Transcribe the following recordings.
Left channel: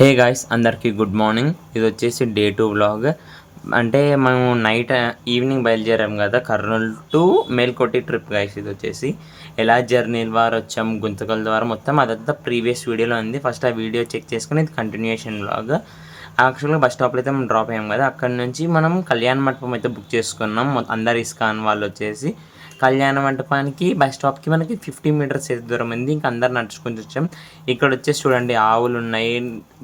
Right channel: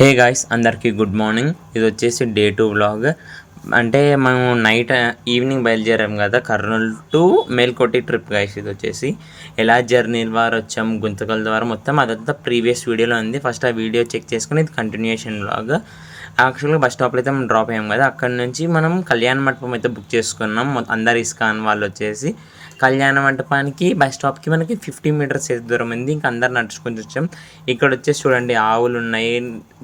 Hey guys, అందరికీ good morning. ఇది వచ్చేసి డే 2 వ్లాగ్. అంటే మేము ఈవినింగ్ బయలుదేరాం కదా, Kurnool to Melkote trip guys. ఇది వచ్చేసి ఎలా జర్నీ ద్వారా వచ్చాం, గుంతకల ద్వారా మొత్తం అదంతా ప్రీవియస్ వీడియోలో ఉంది. ఫస్ట్ ఆ వీడియో చెక్ చేసుకుని ఇది కంటిన్యూషన్ వ్లాగ్. యాక్చువల్గా బస్ స్టాప్లో అయితే మనం డ్రాప్ అయ్యాం కదా, అక్కడ నుంచి మనం కళ్యాణ మండపం అయితే బుక్ చేసుకున్నాం. అందరు ఇస్కాన్ వాళ్ళు వచ్చేసి కళ్యాణ మంటపానికి బస్ స్టాప్కి మనకి 50 మీటర్స్ దూరం ఉంది. ఇంకా అందరు నడుచుకొని వచ్చాం. ఇక్కడ వచ్చేసి చూడండి ఆవులు ఉన్నాయి,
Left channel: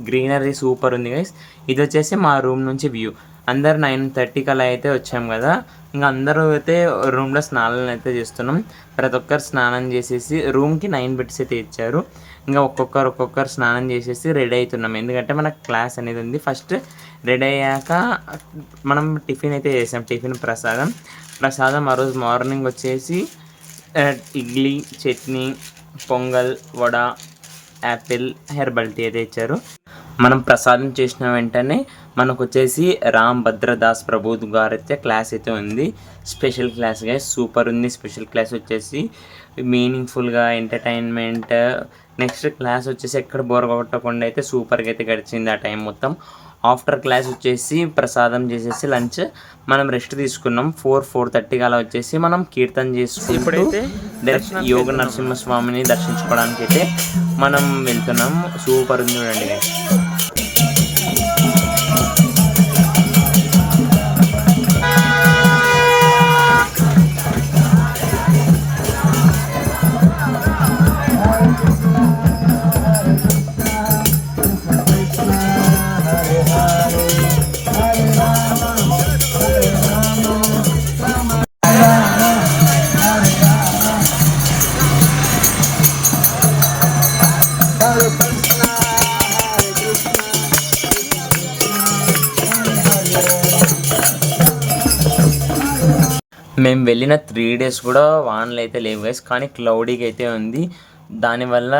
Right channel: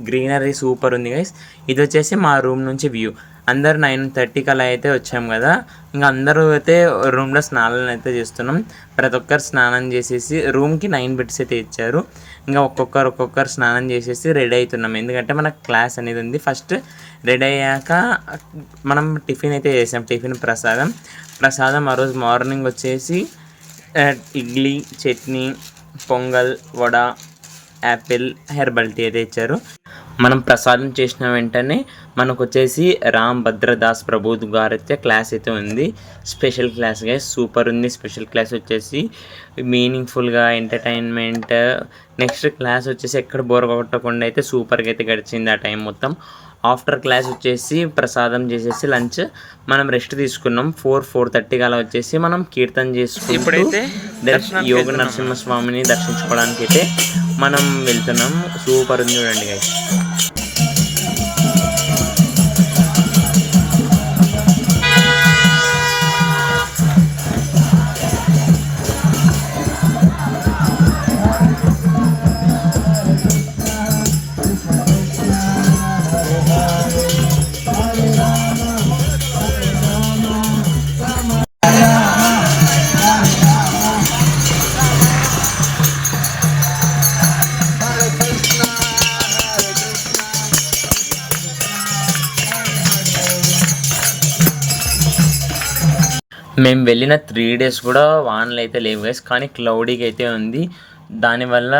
గ్రీనరీ సూపర్ ఉంది గైస్. ఇది వచ్చేసి మా రూమ్ నుంచి వ్యూ. అందరు 9:30 అలా అయితే వచ్చాం కదా. ఇంకా అందరూ అయితే రూమ్లో స్నానాలు అయితే చేస్తున్నాం. ప్రతి ఒక్కరు స్నానం చేసేసి రూమ్కి 9 బెడ్స్ అయితే ఇచ్చారు. ఇంకా ఒక్కొక్కరు స్నానం చేసేసి రెడీ అవుతున్నాం, ఎందుకంటే మనకు క్లాస్ అనేది ఉంది. ఫస్ట్ రెడీ అయ్యాక మనం టిఫిన్ అయితే చేసాం. ప్రసాదం ఆ రోజు మార్నింగ్ వచ్చేసి idli, chutney, pongal, vada, apple, herbal tea అయితే ఇచ్చారు. మనం ప్రసాదం చేసిన వెంటనే మనకు వచ్చేసి రామ్ భద్రదాస్ ప్రభు గారు అయితే క్లాస్ అయితే ఉంది. స్పెషల్ క్లాస్గా సూపర్ ఉంది. స్పెషల్ క్లాస్ వచ్చేసి మీనింగ్ఫుల్గా ఎంటర్టైన్మెంట్. నెక్స్ట్ క్లాస్ వచ్చేసి ఎక్కడ బోర్ కొట్టకుండా అయితే సూపర్గా అయితే గడిచింది ఆ టైం మొత్తం. ఆఫ్టర్ క్లాస్ వచ్చేసి ప్రసాదం చేసేసి లంచ్ మనం రెస్ట్ తీసుకున్నాం. 4:30 అలా వచ్చేసి మనం కీర్తన చేసుకుని ఇప్పుడైతే యోగ నరసింహస్వామిని దర్శించుకోవడానికి అయితే మనం వెళ్తున్నాం. సూపర్ ఉంది చూడండి గైస్. మేము వెళ్ళిన 3 days కూడా వానలు అయితే లేవు గైస్, కానీ క్లౌడీగా అయితే ఉంది. దానివల్ల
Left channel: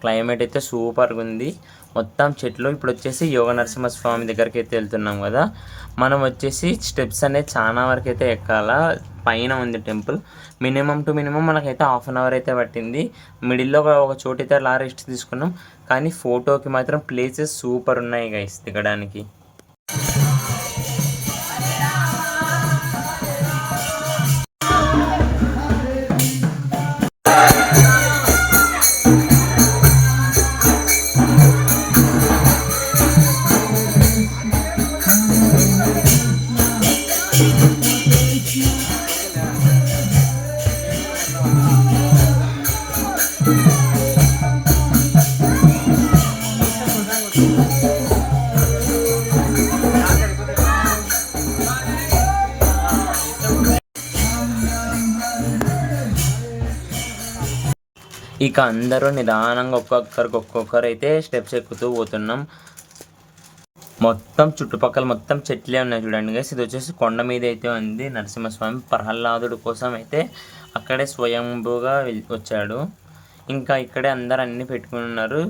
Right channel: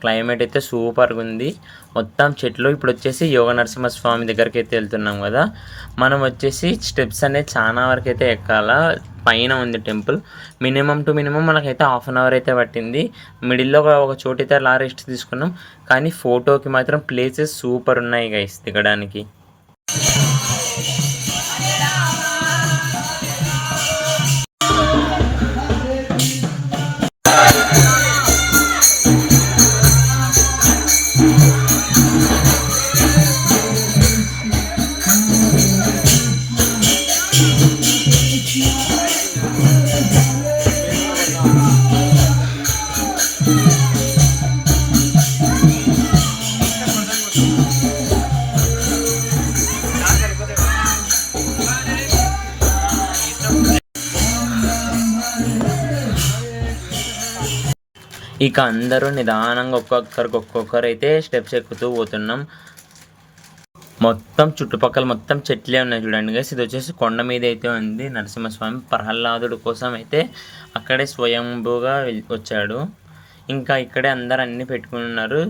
క్లైమేట్ అయితే సూపర్గా ఉంది. మొత్తం చెట్లు. ఇప్పుడు వచ్చేసి యోగ నరసింహస్వామి దగ్గరికి అయితే వెళ్తున్నాం కదా. మనం వచ్చేసి స్టెప్స్ అనేది చాలా వరకు అయితే ఎక్కాల. పైన ఉంది టెంపుల్. మినిమం మనకైతే 1/2 hour అయితే పట్టింది. మిడిల్లో ఒక చోటైతే అలా రెస్ట్ తీసుకున్నాం. కానీ ఫోటోకి మాత్రం ప్లేసెస్ సూపర్ ఉన్నాయి గైస్ దిగడానికి. ఇక అందరూ నిదానంగా ఒక్కొక్కరు అయితే స్టెప్స్ ఎక్కుతూ పోతున్నాం. మొత్తం చుట్టుపక్కల మొత్తం చెట్లే ఉన్నాయి చూడండి గైస్. ఇది వచ్చేసి కొండ మీద అయితే ఉంది నరసింహస్వామి. ప్రహ్లాదుడు కోసం అయితే అక్కడే స్వయంభూగా వచ్చాడు. ఇంకా ఇక్కడే అందరు అన్నీ పెట్టుకుని ఉన్నారు.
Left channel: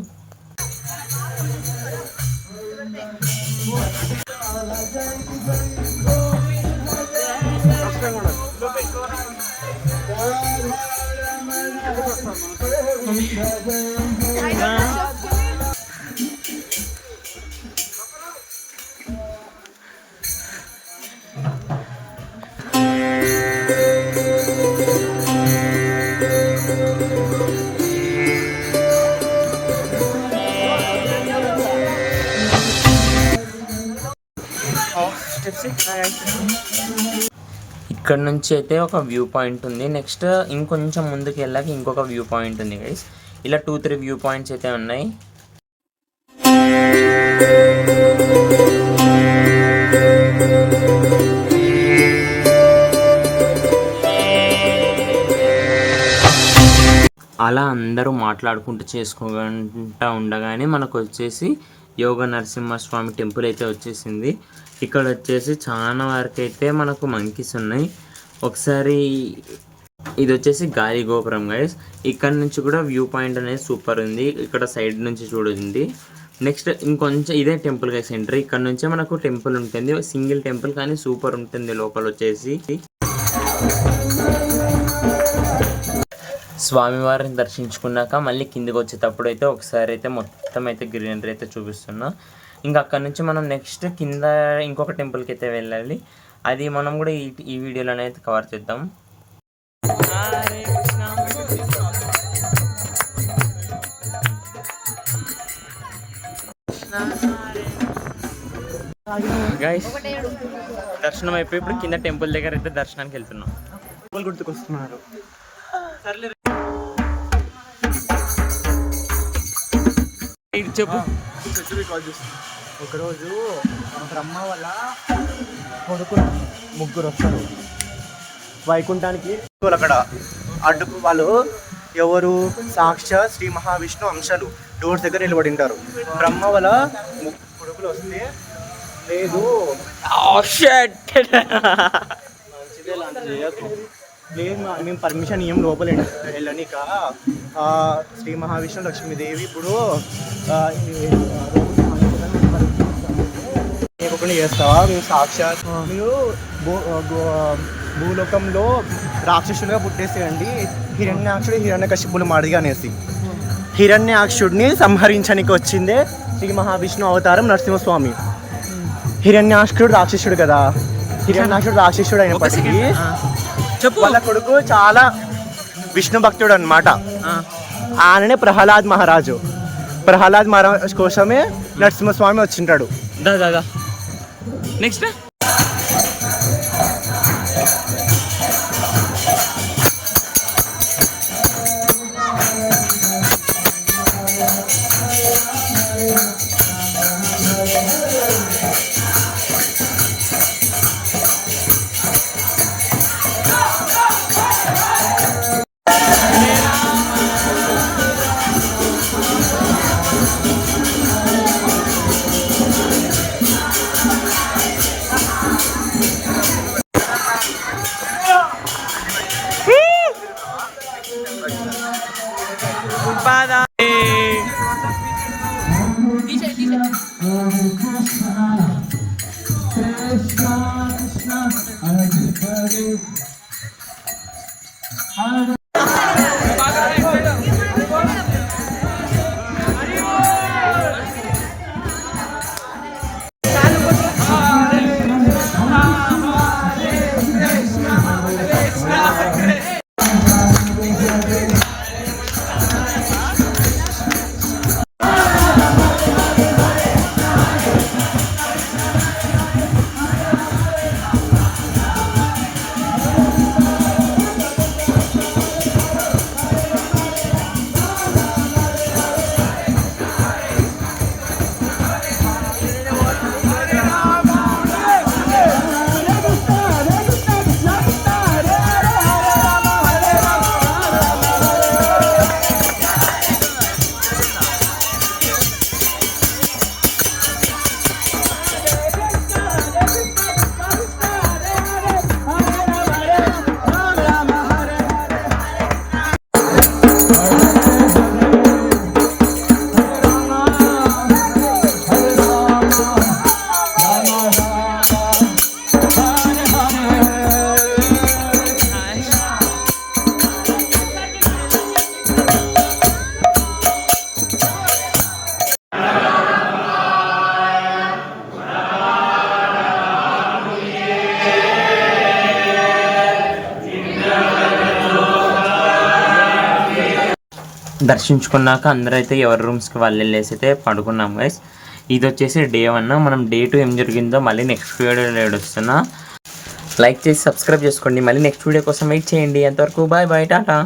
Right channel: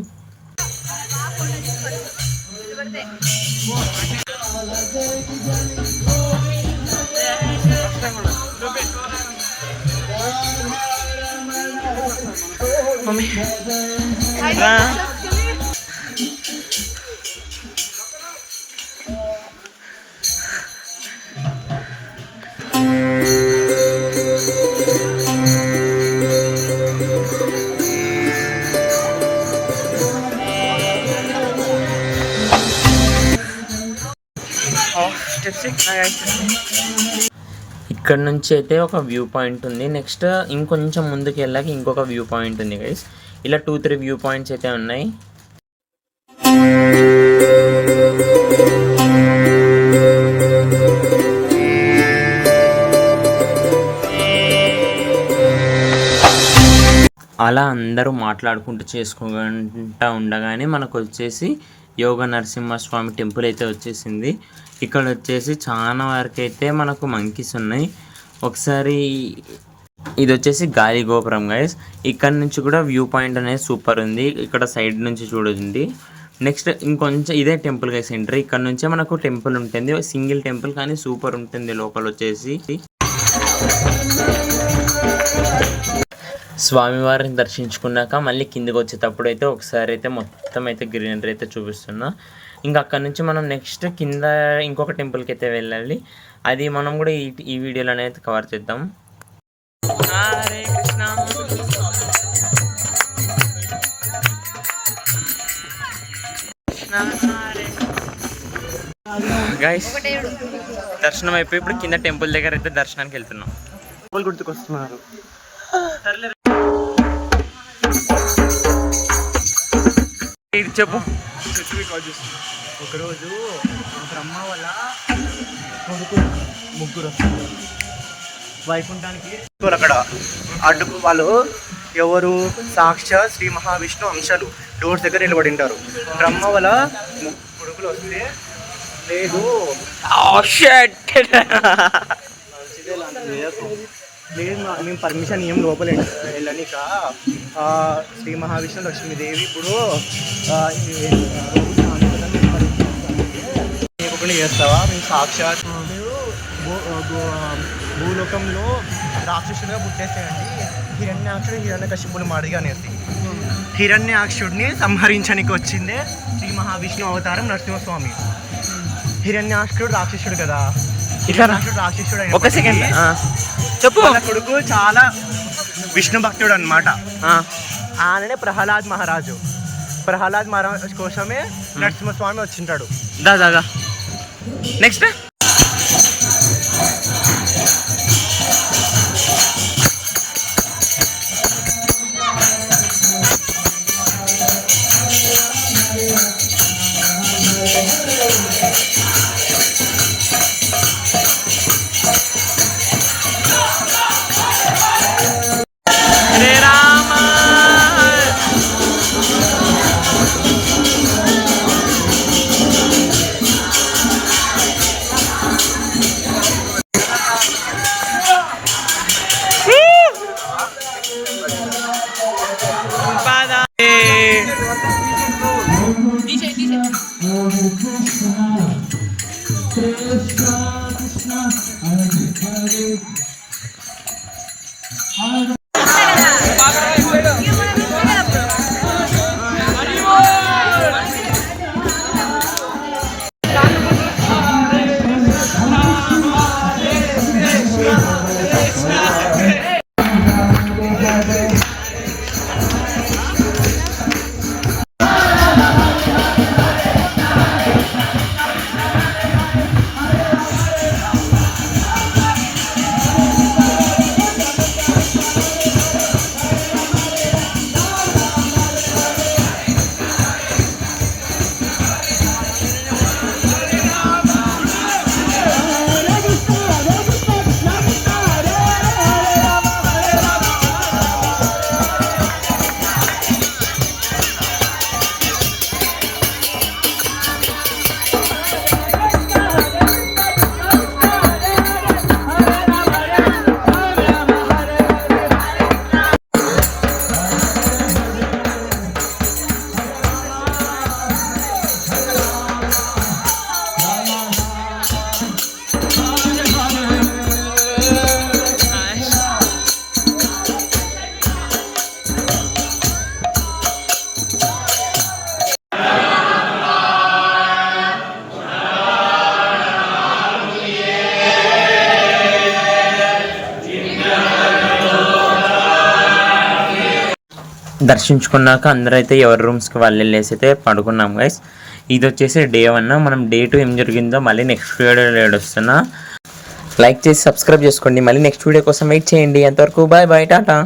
ఇక్కడ నుంచి అయితే ఒక వ్యూ పాయింట్ ఉంది. నెక్స్ట్ ఇంకొంచెం ముందుకు వెళ్ళాక ఇంకొక వ్యూ పాయింట్ ఉంది గైస్. ఇలా 2-3 వ్యూ పాయింట్స్ అయితే ఉన్నాయి. అలా అందరూ మాట్లాడుకుంటూ చేసుకుంటూ ఉండగానే మనకు వచ్చేసి యోగ నరసింహస్వామి టెంపుల్ అయితే వచ్చేసింది. ఇక్కడ వచ్చేసి చాలా వరకు అయితే మనకు మంకీస్ ఉన్నాయి. ఒకసారి ఇది వచ్చేసి గాలి గోపురం గైస్. ఇక్కడ నుంచి కూడా వ్యూ పాయింట్ అనేది సూపర్ ఉంది. ఇక్కడ సైడ్ నుంచి చూడండి. నెక్స్ట్ ఇంకొంచెం ఇదే టెంపుల్ గైస్ ఎంట్రీ. ఇక్కడ నుంచే మనకు టెంపుల్ ఉంటుంది. సింగిల్ టెంపుల్ కానీ సూపర్ ఉంటుంది లోపల వచ్చేసి. స్వామివారిని దర్శించుకున్నాక మళ్ళీ కిందికి వచ్చేటప్పుడు అయితే ఒకసారి అయితే మొత్తం అయితే గ్రీనరీ అయితే చూపిస్తున్నా. ఇంకా అక్కడ నుంచి మనం నెక్స్ట్ కింద ఇంకొక టెంపుల్కి అయితే వెళ్ళాలి. అది మనం కూడా ఈ వీడియోలోనే అయితే కవర్ చేద్దాం. హరే కృష్ణ. గైస్ దర్శనం అయిపోయి ఇప్పుడు కింద టెంపుల్ దగ్గర అయితే దర్శనానికి వెళ్తున్నాం. గుర్తుకొస్తున్నారు. చెప్పు. ఒకరోజు బ్రహ్మ వల్ల కొడుకులు ముగ్గురు వస్తారు వైకుంఠానికి. అక్కడ అడ్డుకు వాళ్ళు ఎవరు? సాక్షాత్ శ్రీ మహావిష్ణు అంశాలు డోర్స్ దగ్గర నిలబడి ఉంటారు. బ్రహ్మ వల్ల కొడుకులు వస్తే లేదు మంచిదే లాంటిది లేదు, మేము పర్మిషన్ ఏం లోపల వెళ్ళనిక శ్రీ మహావిష్ణు లక్ష్మీదేవి ఇప్పుడు చేస్తావా? మేము సాక్షాత్ మీరు భూలోకంలో రాక్షసులుగా పుట్టేసేయండి. హిరణ్యాక్షుడు హిరణ్యకశిపుని మాడిగా అనేసి హిరణ్యాక్షుడిని సంహరించడానికి వచ్చిందే శ్రీ మహావిష్ణు అవతారం నరసింహస్వామి. హిరణ్యాక్షుడు రాక్షసుడు కదా, హిరణ్యాక్షుడు రాక్షసుడు అయిన చెప్పు. కొడుకు చాలా విష్ణు భక్తుడు అనమాట. ఆయననే ప్రహ్లాద్ మహారాజు. ప్రహ్లాద్ మహారాజ్ కోసమే నరసింహస్వామి వచ్చింటాడు. దాదా నెక్స్ట్ దర్శించుకున్నాక అందరూ అయితే ఎవరి రూమ్స్కి వాళ్ళు వెళ్ళేసి అయితే పడుకున్నాం గైస్. ఇది వచ్చేసి డే 1. మనం డే 2 ఏం జరిగిందో మళ్ళీ నెక్స్ట్ వీడియో వస్తున్నా. లైక్ చేసి సబ్స్క్రైబ్ చేసుకోండి. మళ్ళీ నెక్స్ట్ వీడియో కోసం వెయిట్ చేయండి. అంతవరకు బాయ్ బాయ్ టాటా.